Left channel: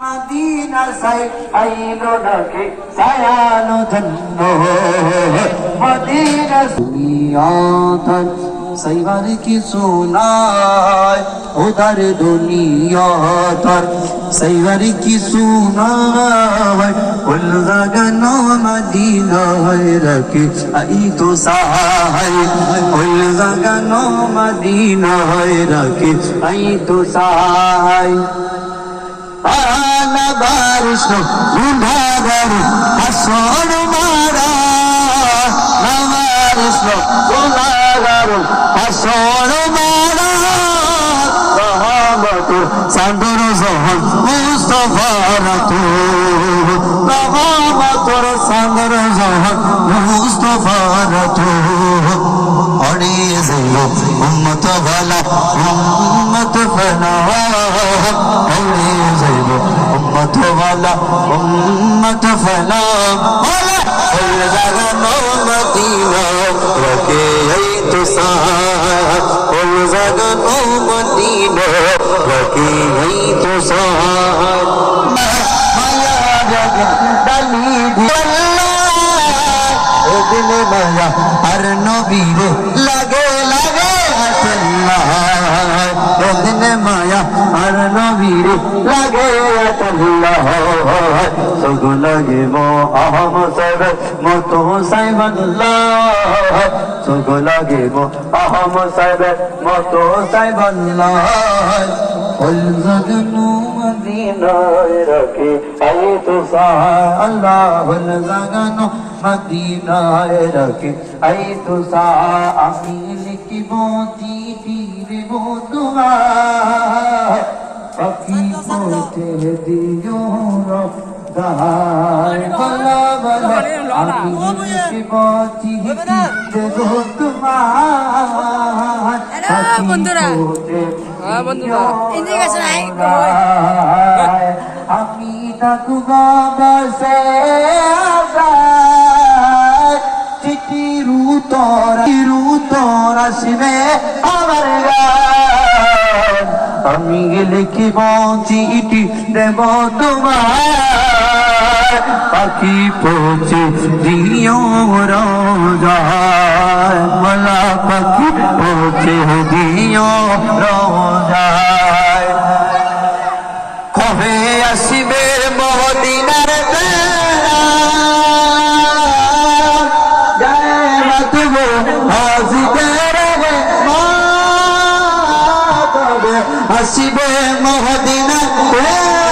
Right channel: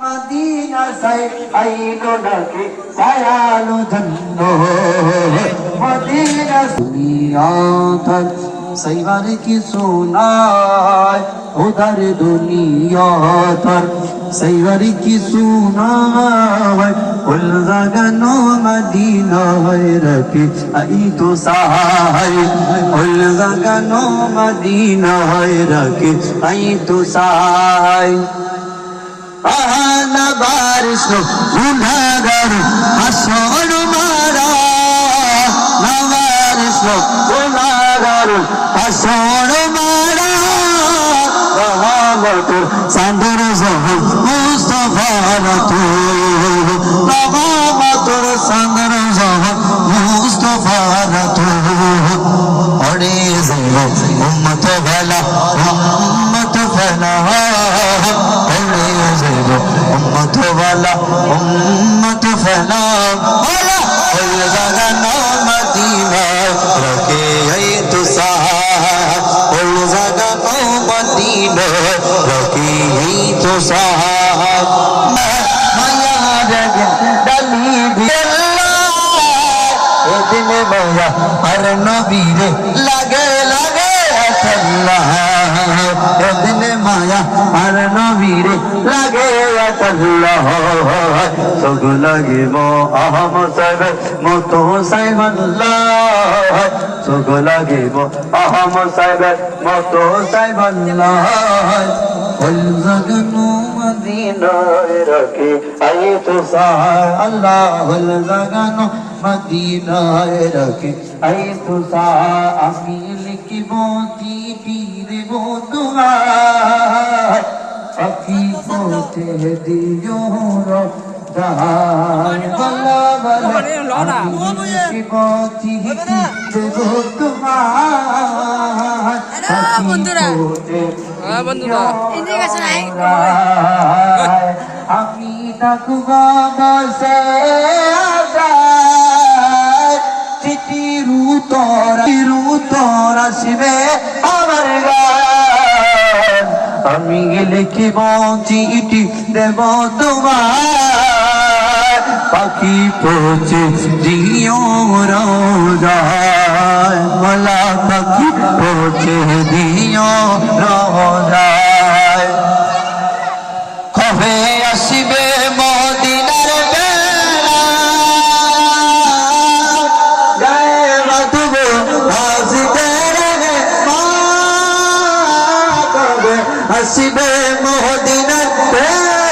Medina সাই আইলো নাকি সায়ালো জন্নো Medina দুনিয়া ধর সাইবার কি সুনায় উধর দুনিয়া ধর সাইবার কি সুনায় উল জাগানো মদিনা রকে আই তো সাহাই উল জাগানো মদিনা রকে আই তো সাহাই পানা বারিশ গুনাহগার হাসর মারা বারিশ গুনাহগার হাসর মারা রহমতুর সান্দর জহর মুস্তাফা রাতু রহমতুর সান্দর জহর মুস্তাফা রাতু অরে জিলে উম্মত ভালা উম্মত ফলা উম্মত ওয়ালা উম্মত ফলা ওয়ালা ওই জাগানো মদিনা রকে এই তো সাহায় ওই জাগানো মদিনা রকে এই তো সাহায় মায়া জাগে ডালি দিল্লা ও দিলে মায়া আর নবীরে লাগে লাগে আল্লাহ ও দিলে মায়া আর নবীরে লাগে আল্লাহ সগ লাগিব আহম সাহেব মতো সাহেব আল্লাহ সগ লাগিব আহম সাহেব মতো সাহেব আল্লাহ উল জাগানো মদিনা রকে আই তো সাহায় আল্লাহ উল জাগানো মদিনা রকে আই তো সাহায় আমি লিখিব চিঠি দেব তোমায় পাখি পৌঁছে দিও রোজায় বলা বলা আমি লিখিব চিঠি দেব তোমায় পাখি পৌঁছে দিও রোজায় আমি থাকব বসে চিঠি রুতর আসবে আমার গান আমি লিখিব চিঠি দেব তোমায় পাখি পৌঁছে দিও রোজায় বলা পাখি পৌঁছে দিও রোজায় কবে আসিবে মদিনার বেলা যায় মাতবে হাসিদের কবে আসিবে মদিনার বেলা